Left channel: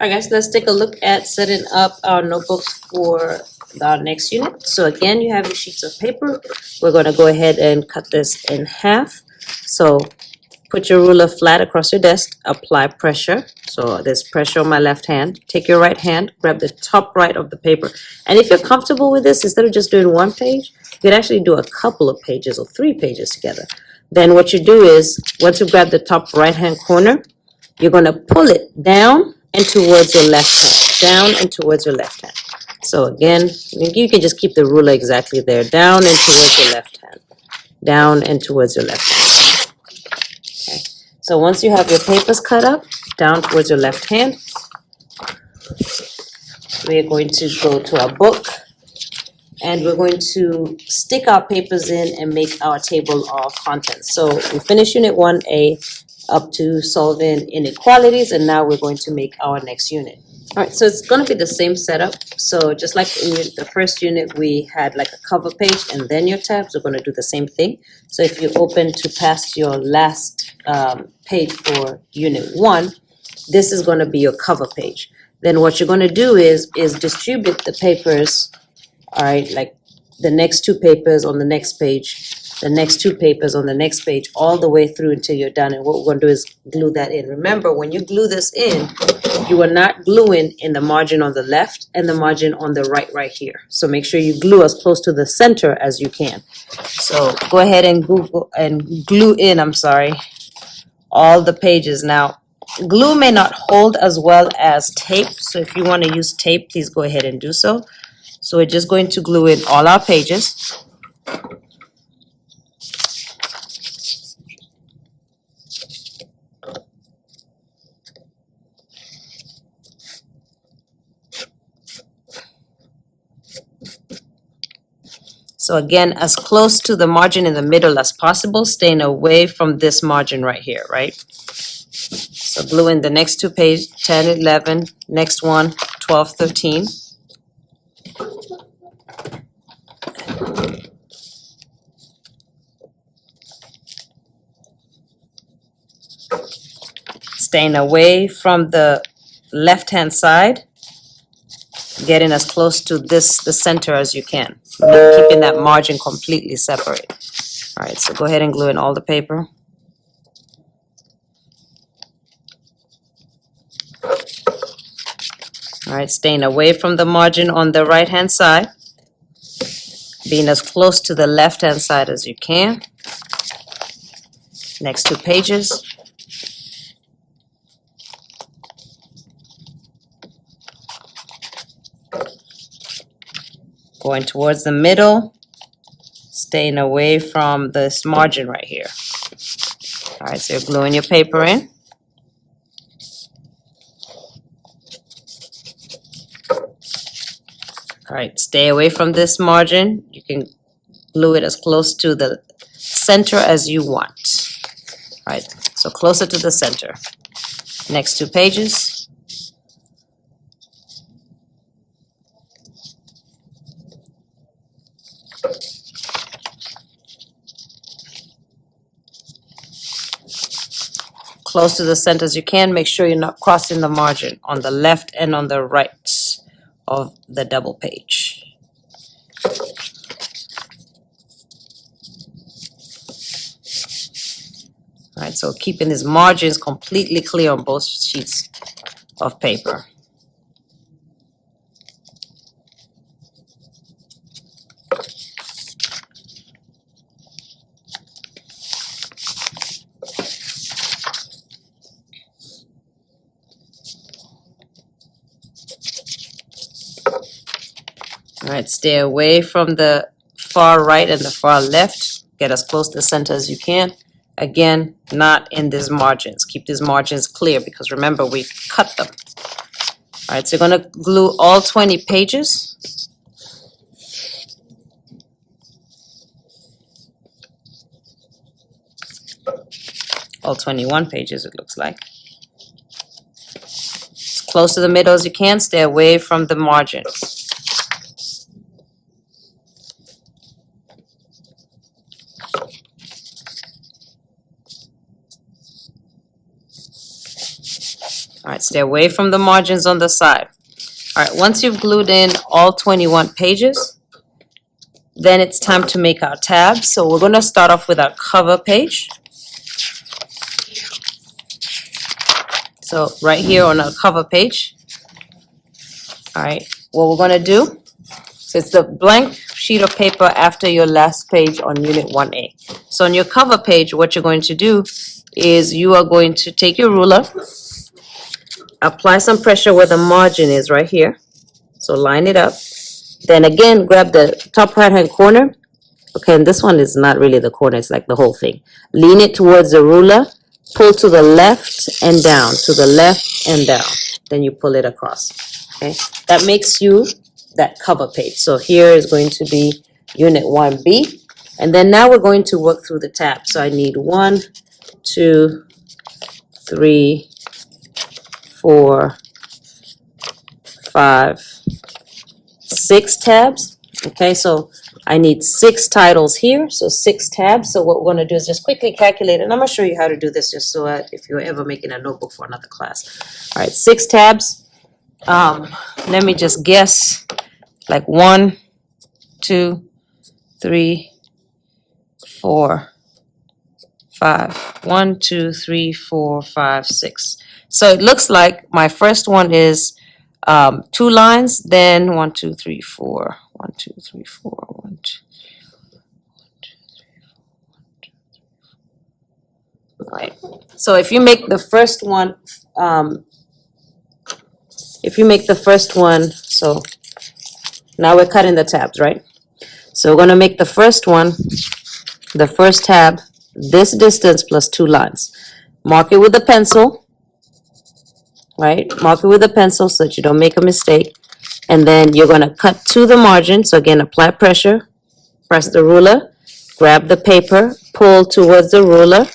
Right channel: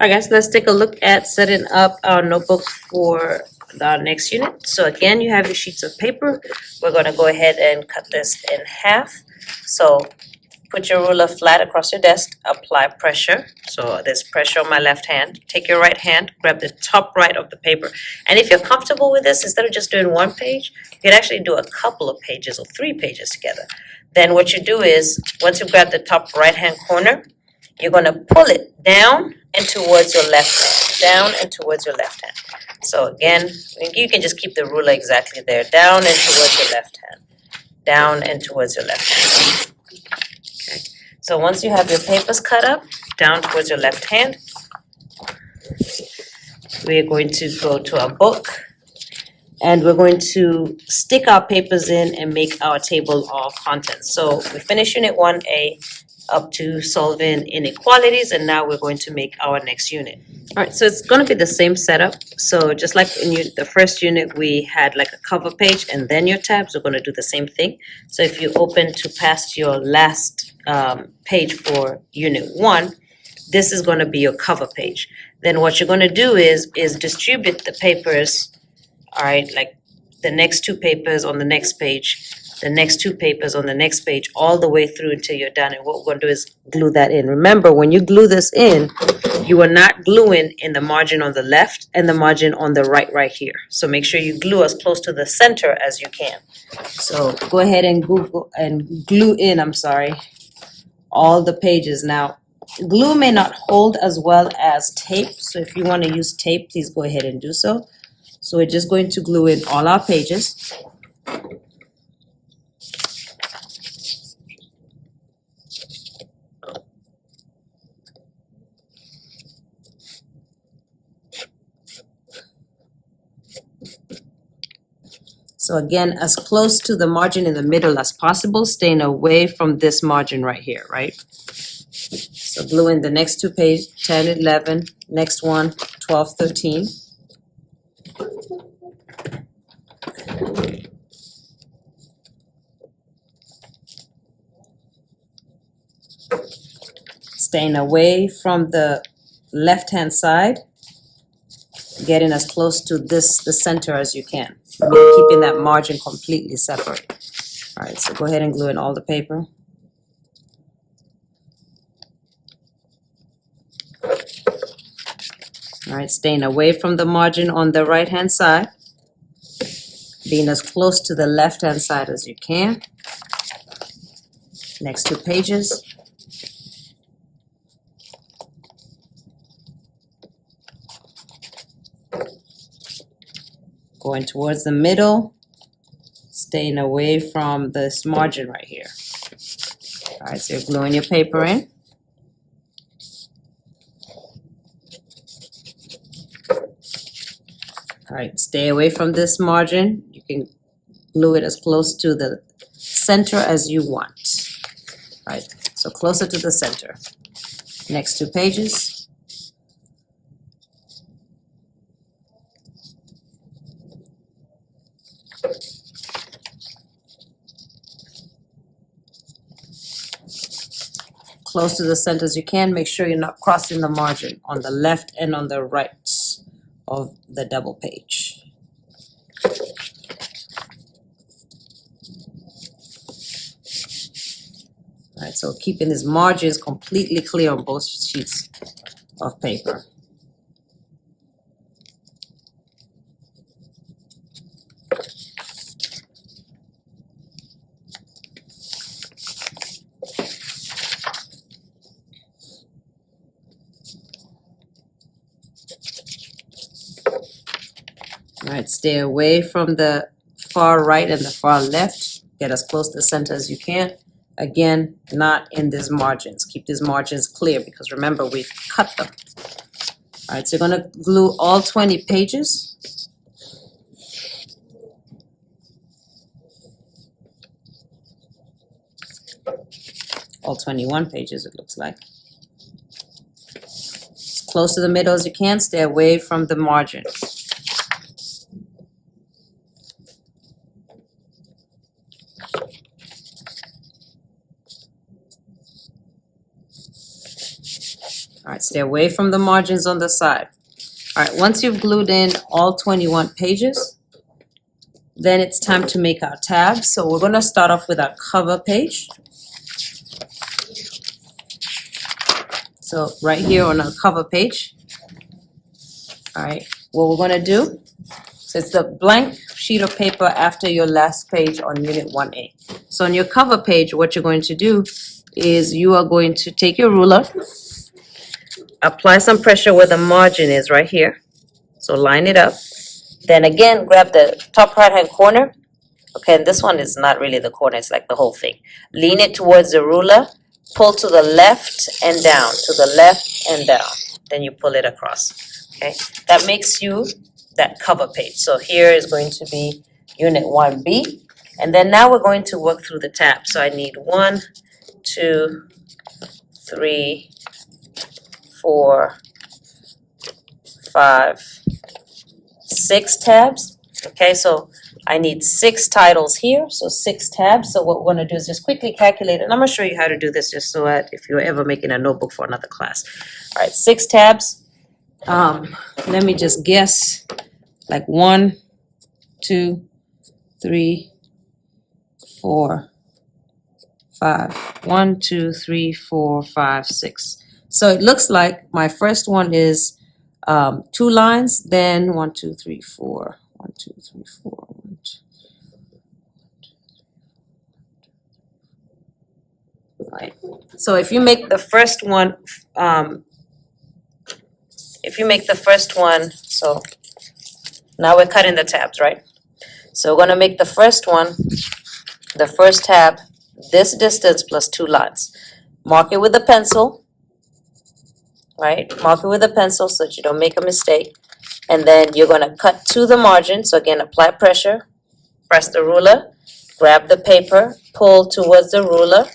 All right, guys, let's take a look at setting up our notebook for our next unit. So again, you have your sheets of paper. We're going to go ahead and cut this in half. So put your ruler flat across your desk, apply pressure. So there's pressure on my left hand. Take your right hand, grab the top right of the paper. And if you're comfortable with this, instead of just doing one page, you can actually do a couple of pages or 3 pages together. Then what you do is, once you grab the top right-hand corner, you're going to pull it down and towards your left hand, down and towards your left hand. So again, you can just keep the ruler exactly there, down and towards your left hand, down and towards your left hand. Okay. So once you have your papers cut up, down towards your left hand, we're going to go to our book, and we're going to stick our papers in and make our table of contents. So we finished Unit 1A up to solving inequalities, and now we're going to make our next unit. All right, so it's going to be the same setup. So just like in the first unit, we had like a cover page and then your tabs, we're going to do the same thing. So if you open to past your last page for Unit 1, this is going to be your cover page. Then what you're going to do is distribute the papers, all right, like the next 2 papers on the next page, the next 2 papers on the next page, all the way through until you're done. And what we're going to do is glue that in. Remember, when you glue this in, you are not gluing in the margin on the left and the margin on the right here. So make sure you glue as close to the center as you can. So go ahead and glue in, all the pages. Now, glue may not hold as well as tape, so if you want to use tape, please go ahead and do so. So we're just going to glue in all our pages. So again, as close to the margin in the middle as possible, staying away from this margin right here, right? So glue in the next 2 pages, 10, 11, next one, 12, 13. Staying away from the left-hand side, getting as close to the center as you can, keeping that margin completely separate. All right, so go ahead and glue in all the paper. All right, staying away from the margin on the right-hand side, being as close to the left-hand side as you can. Next 2 pages. Going towards the middle, staying away from this margin right here. All right, so you're gluing your paper in. All right, stay away from this margin. You can glue it as close to the center as you want. All right, so closer to the center. Next 2 pages. Close to the center as you can. Make sure you're not crossing the margin on the left and on the right of the double page. All right, so keeping these margins completely clear on both sheets of paper. All right, stay away from the far right and the far left. Get as close to the center as you can. Again, not in these margins. Keep these margins clear because remember, we cut them. All right, so you're going to glue all 20 pages. All 21 pages, it looks like. Close to the middle as you can. Stay away from the margin. All right, stay away from the margins on the side. All right, once you've glued in all 21 pages, then it's time to make our tabs. So we're going to start off with our cover page. So right here on our cover page. All right, what we're going to do, so it's the blank sheet of paper after your last page on Unit 1A. So on your cover page, what you're going to do is you are going to take your ruler, apply some pressure where the margin is right here. So line it up. Then again, grab the top right-hand corner. Okay, and this one is not really the corner, it's like the whole thing. Lean it towards the ruler, pull to the left and down, to the left and down. Then you pull it across. Okay, that makes you that cover page. So here is going to be Unit 1B. And then now we're going to work through the tabs. So I need 1, 2, 3, 4, 5, 6 tabs. Okay, so I need 6 titles here, so 6 tabs. So what we're going to do is just quickly calculate, and I'm going to show you how to do this just so if you're ever making a notebook for another class. All right, 6 tabs. Let me just guess, like 1, 2, 3, 4, 5. 1, 2, 3, 4, 5, 6. So it looks like my first one is 2 lines, then 1, 2, 3, 4. 1, 2, 3, 4. 1, 2. All right. So if you make the first one, so now we're cutting the tabs, right? So we're going to make the first one, the first tab, this distance plus 2 lines. Mark it with a pencil, right? Mark it with a pencil so that you don't make a mistake. And then you're going to cut to the margin. So again, apply pressure, press the ruler, grab the paper, pull towards the ruler,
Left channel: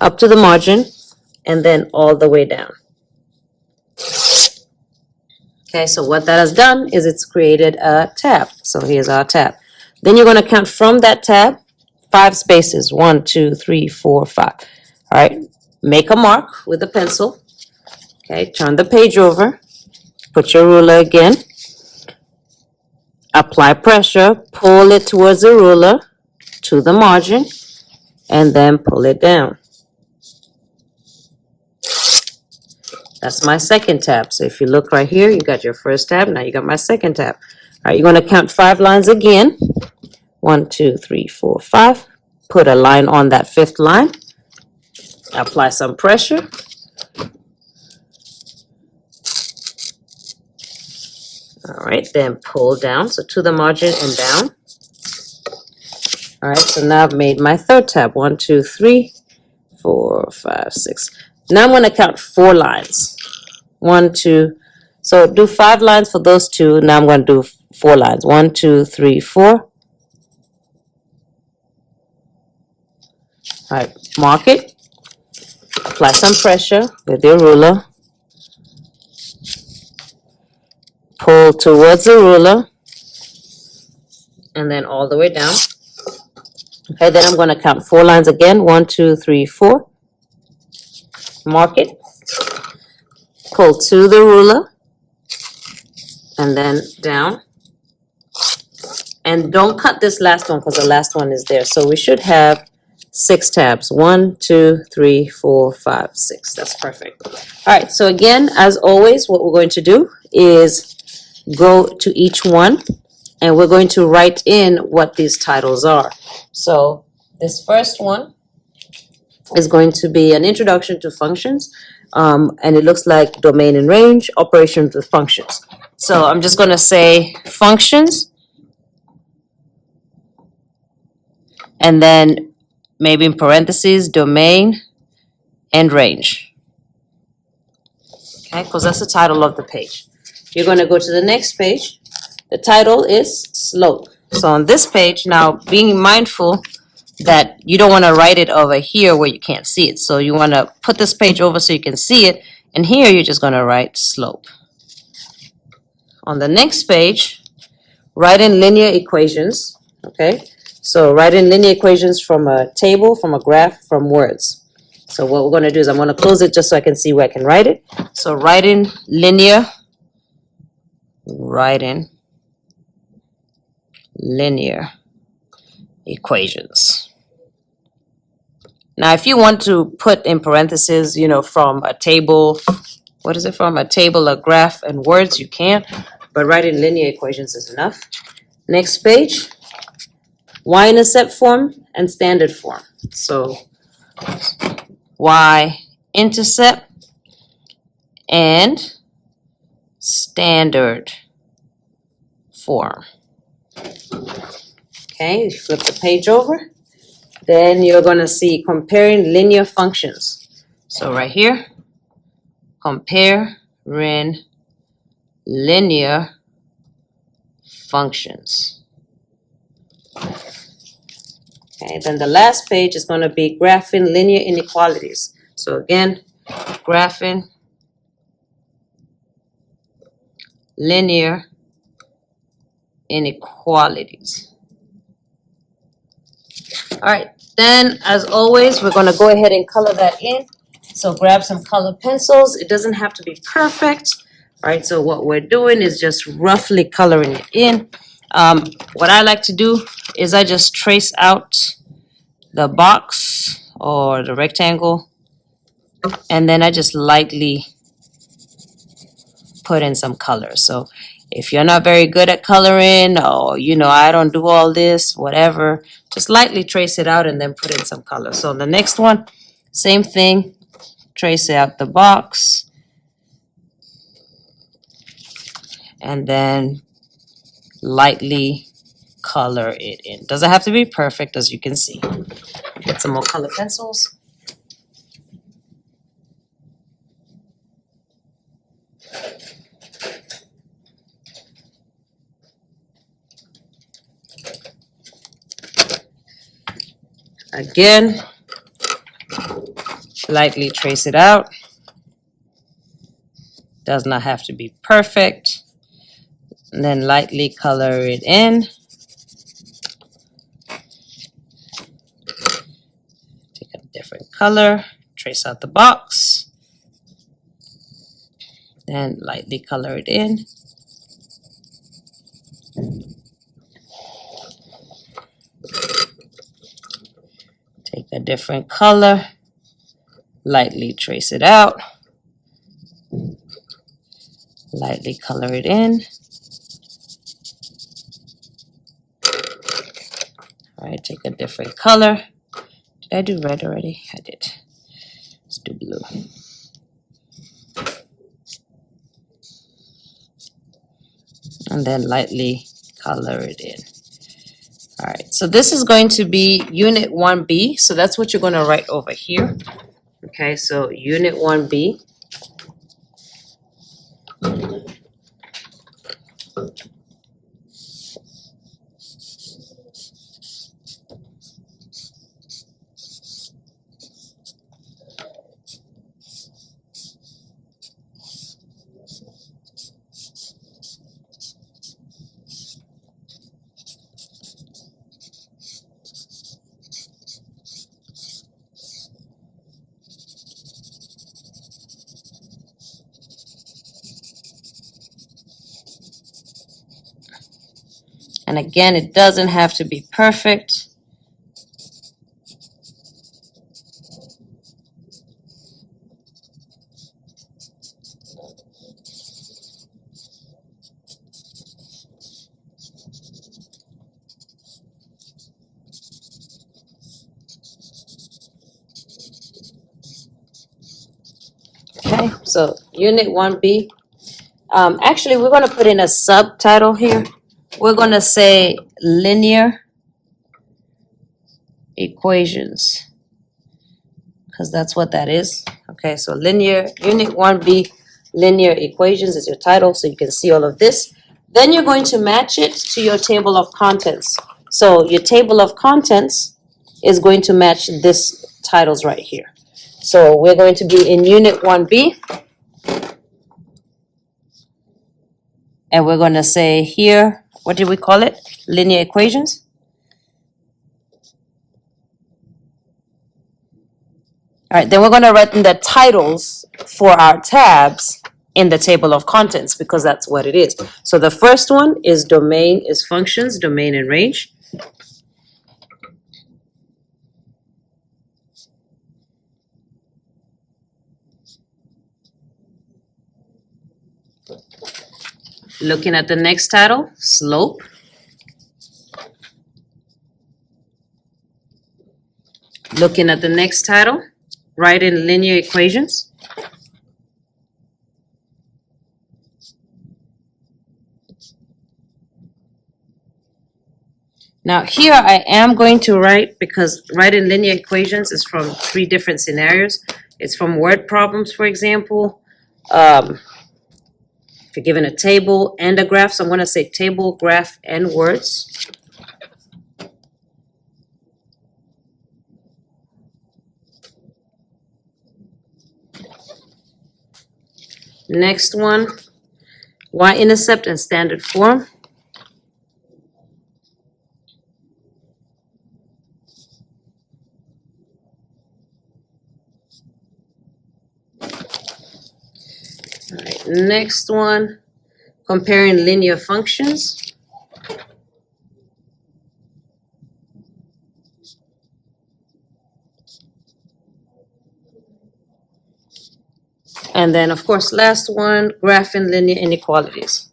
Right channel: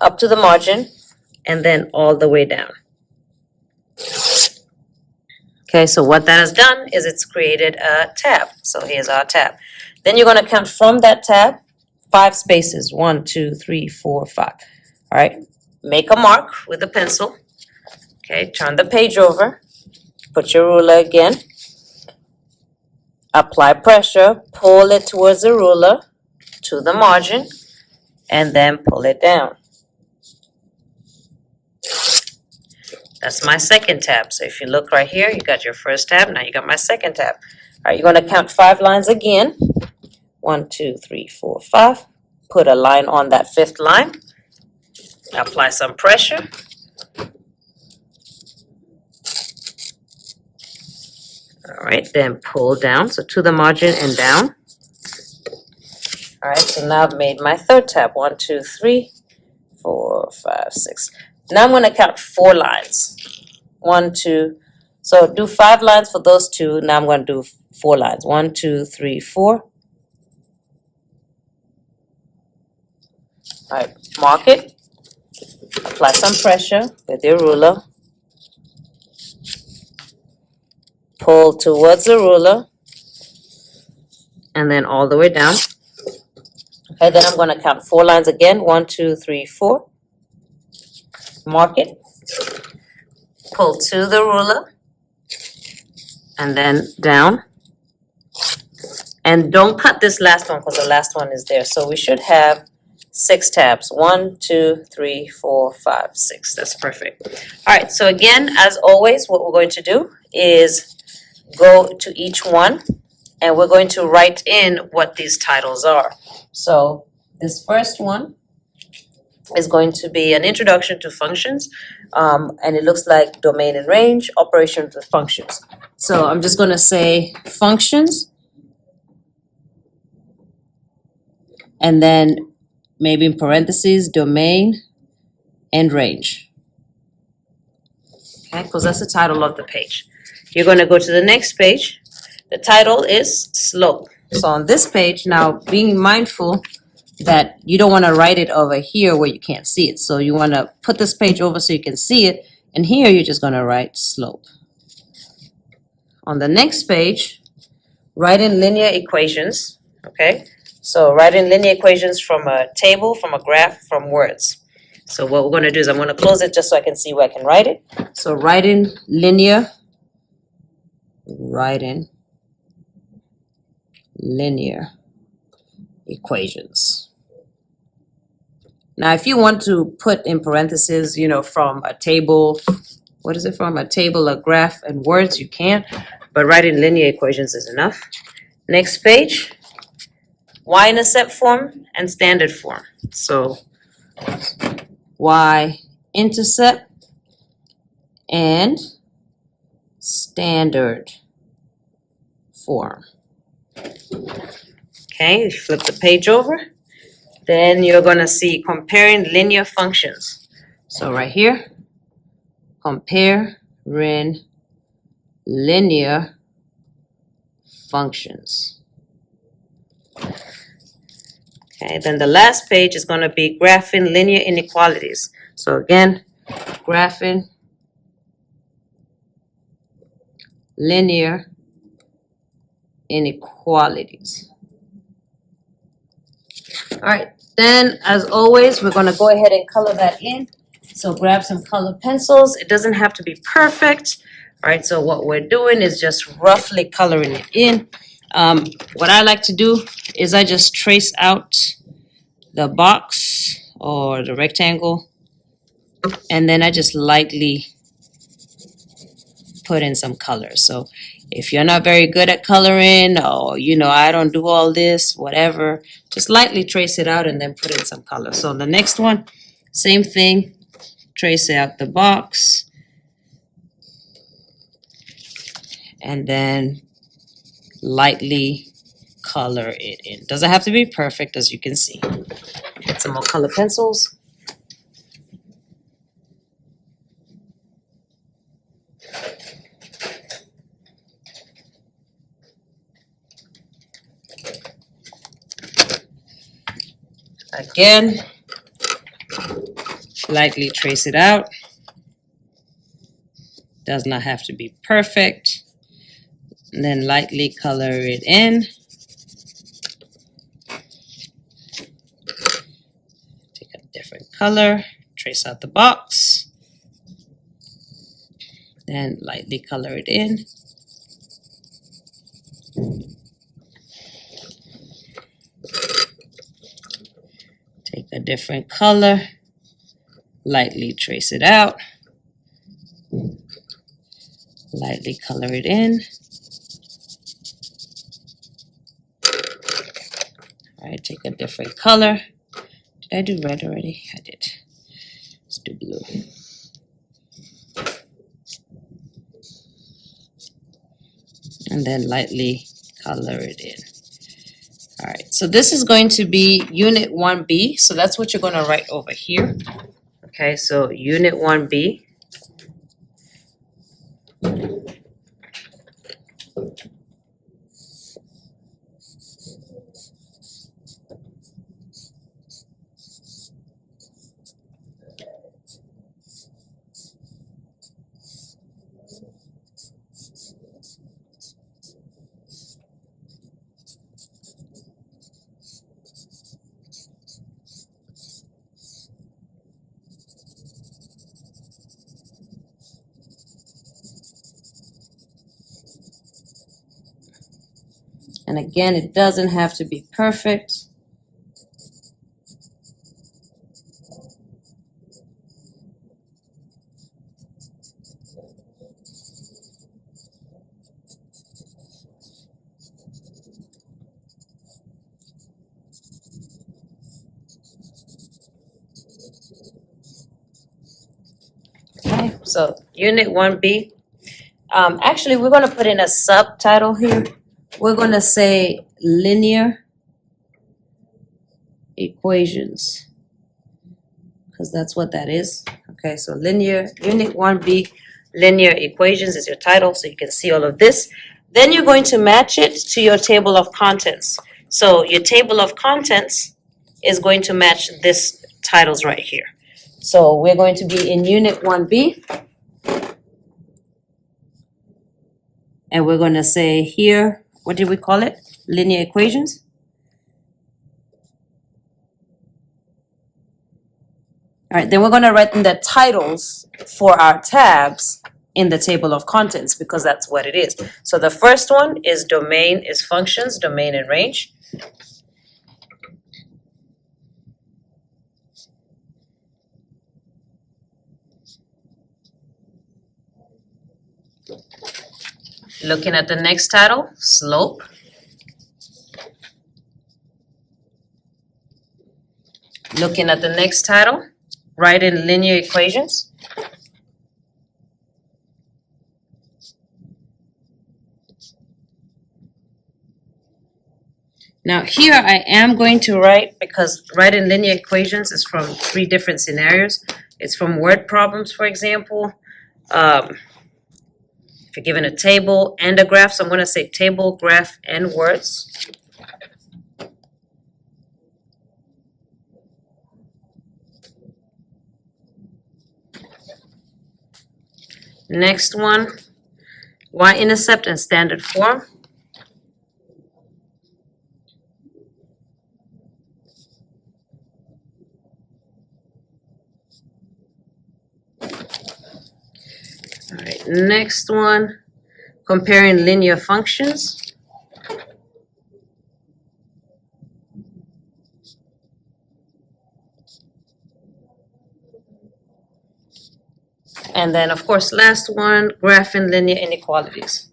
up to the margin, and then all the way down. Okay, so what that has done is it's created a tab. So here's our tab. Then you're going to count from that tab 5 spaces. 1, 2, 3, 4, 5. All right, make a mark with a pencil. Okay, turn the page over. Put your ruler again. Apply pressure. Pull it towards the ruler to the margin, and then pull it down. That's my second tab. So if you look right here, you got your first tab. Now you got my second tab. All right, you're going to count 5 lines again. 1, 2, 3, 4, 5. Put a line on that 5th line. Apply some pressure. All right, then pull down, so to the margin and down. All right, so now I've made my 3rd tab. 1, 2, 3, 4, 5, 6. Now I'm going to count 4 lines. 1, 2. So do 5 lines for those 2. Now I'm going to do 4 lines. 1, 2, 3, 4. All right, mark it. Apply some pressure with your ruler. Pull towards the ruler, and then all the way down. Okay, then I'm going to count 4 lines again. 1, 2, 3, 4. Mark it. Pull to the ruler, and then down. And don't cut this last one because the last one is there. So we should have 6 tabs. 1, 2, 3, 4, 5, 6. That's perfect. All right, so again, as always, what we're going to do is go to each one, and we're going to write in what these titles are. So this first one is going to be an introduction to functions, and it looks like domain and range, operations with functions. So I'm just going to say functions, and then maybe in parentheses, domain and range. Okay, because that's the title of the page. You're going to go to the next page. The title is slope. So on this page, now being mindful that you don't want to write it over here where you can't see it. So you want to put this page over so you can see it. And here you're just going to write slope. On the next page, write in linear equations. Okay, so write in linear equations from a table, from a graph, from words. So what we're going to do is I'm going to close it just so I can see where I can write it. So write in linear equations. Now, if you want to put in parentheses, from a table, what is it from? A table, a graph, and words, you can, but writing linear equations is enough. Next page, Y-intercept form and standard form. So Y-intercept and standard form. Okay, you flip the page over. Then you're going to see comparing linear functions. So right here, comparing linear functions. Okay, then the last page is going to be graphing linear inequalities. So again, graphing linear inequalities. All right, then as always, we're going to go ahead and color that in. So grab some colored pencils. It doesn't have to be perfect. All right, so what we're doing is just roughly coloring it in. What I like to do is I just trace out the box or the rectangle, and then I just lightly put in some color. So if you're not very good at coloring, or I don't do all this, whatever, just lightly trace it out and then put in some color. So the next one, same thing, trace out the box and then lightly color it in. Doesn't have to be perfect, as you can see. Get some more color pencils. Again, lightly trace it out. Does not have to be perfect. And then lightly color it in. Take a different color, trace out the box, then lightly color it in. Take a different color, lightly trace it out, lightly color it in. All right, take a different color. Did I do red already? I did. Let's do blue. And then lightly color it in. All right, so this is going to be Unit 1B. So that's what you're going to write over here. Okay, so Unit 1B. And again, it doesn't have to be perfect. Okay, so Unit 1B. Actually, we're going to put in a subtitle here. We're going to say linear equations, because that's what that is. Okay, so linear, Unit 1B, linear equations is your title, so you can see all of this. Then you're going to match it to your table of contents. So your table of contents is going to match this titles right here. So we're going to be in Unit 1B. And we're going to say here, what did we call it? Linear equations. All right, then we're gonna write in the titles for our tabs in the table of contents because that's what it is. So the first one is domain is functions, domain and range. Looking at the next title, slope. Looking at the next title, write in linear equations. Now here I am going to write, because writing linear equations is from 3 different scenarios. It's from word problems, for example. If you're given a table and a graph, so I'm going to say table, graph, and words. Next one, Y-intercept and standard form. All right, next one, comparing linear functions. And then, of course, last one, graphing linear inequalities.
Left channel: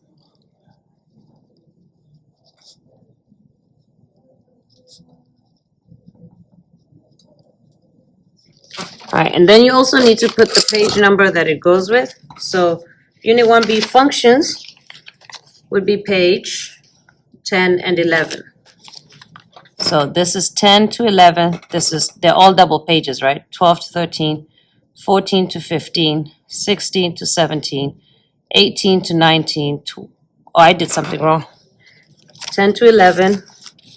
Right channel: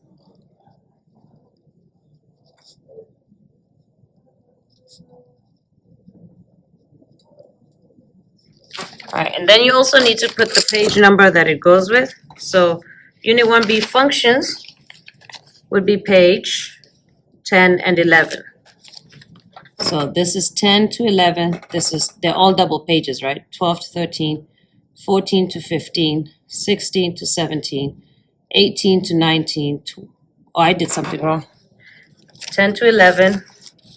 All right, and then you also need to put the page number that it goes with. So Unit 1B functions would be page 10 and 11. So this is 10 to 11. They're all double pages, right? 12 to 13, 14 to 15, 16 to 17, 18 to 19. Oh, I did something wrong. 10 to 11.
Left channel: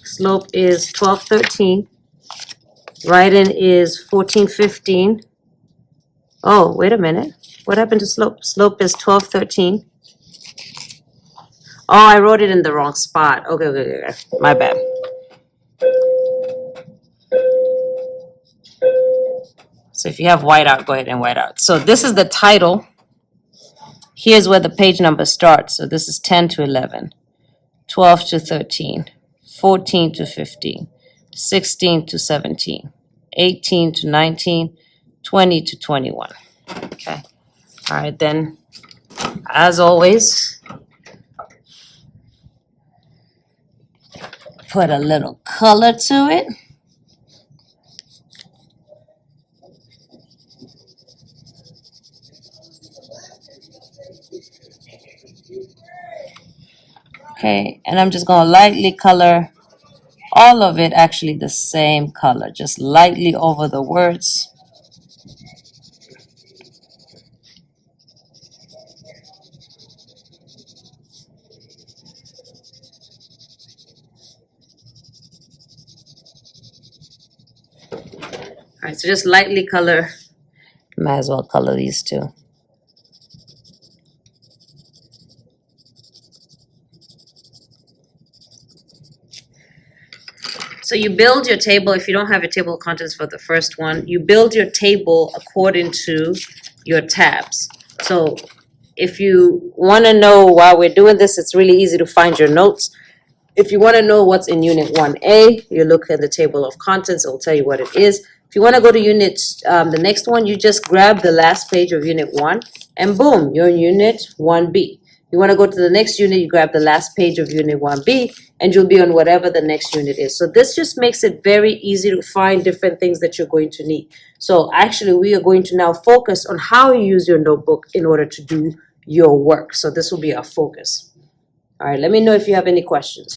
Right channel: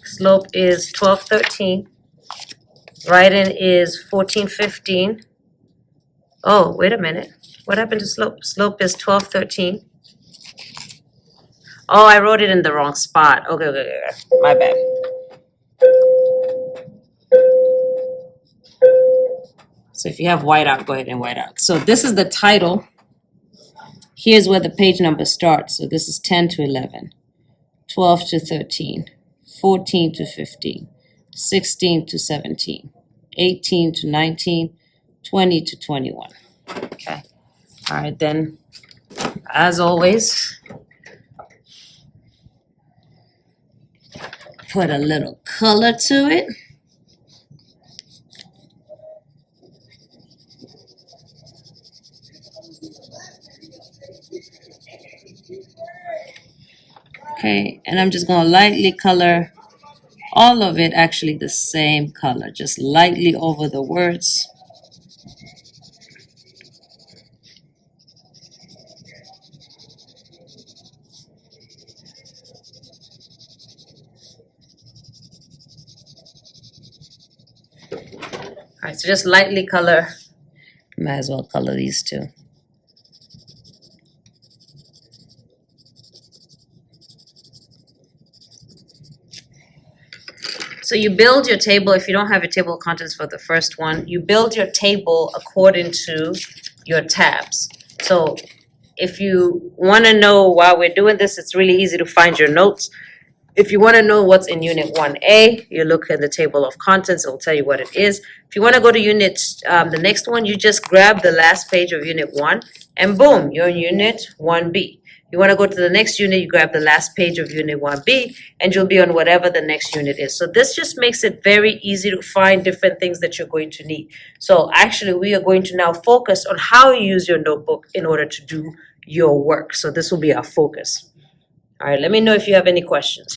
Slope is 12, 13. Writing is 14, 15. Oh, wait a minute. What happened to slope? Slope is 12, 13. Oh, I wrote it in the wrong spot. Okay. My bad. So if you have whiteout, go ahead and white out. So this is the title. Here's where the page number starts. So this is 10 to 11, 12 to 13, 14 to 15, 16 to 17, 18 to 19, 20 to 21. Okay. All right, then, as always, put a little color to it. Okay, and I'm just going to lightly color all of it, actually the same color, just lightly over the words. All right, so just lightly color. Might as well color these two. So you build your table. If you don't have your table of contents for the first one, you build your table according to your tabs. So if you want to know while we're doing this, it's really easy to find your notes. If you want to know what's in Unit 1A, you look at the table of contents. It will tell you what it is. If you want to go to the next one, you just grab the last page of Unit 1, and boom, you're in Unit 1B. You want to go to the next unit, you grab the last page of Unit 1B, and you'll be on whatever the next unit is. So this just makes it very easy to find different things that you're going to need. So actually, we are going to now focus on how you use your notebook in order to do your work. So this will be our focus. All right, let me know if you have any questions.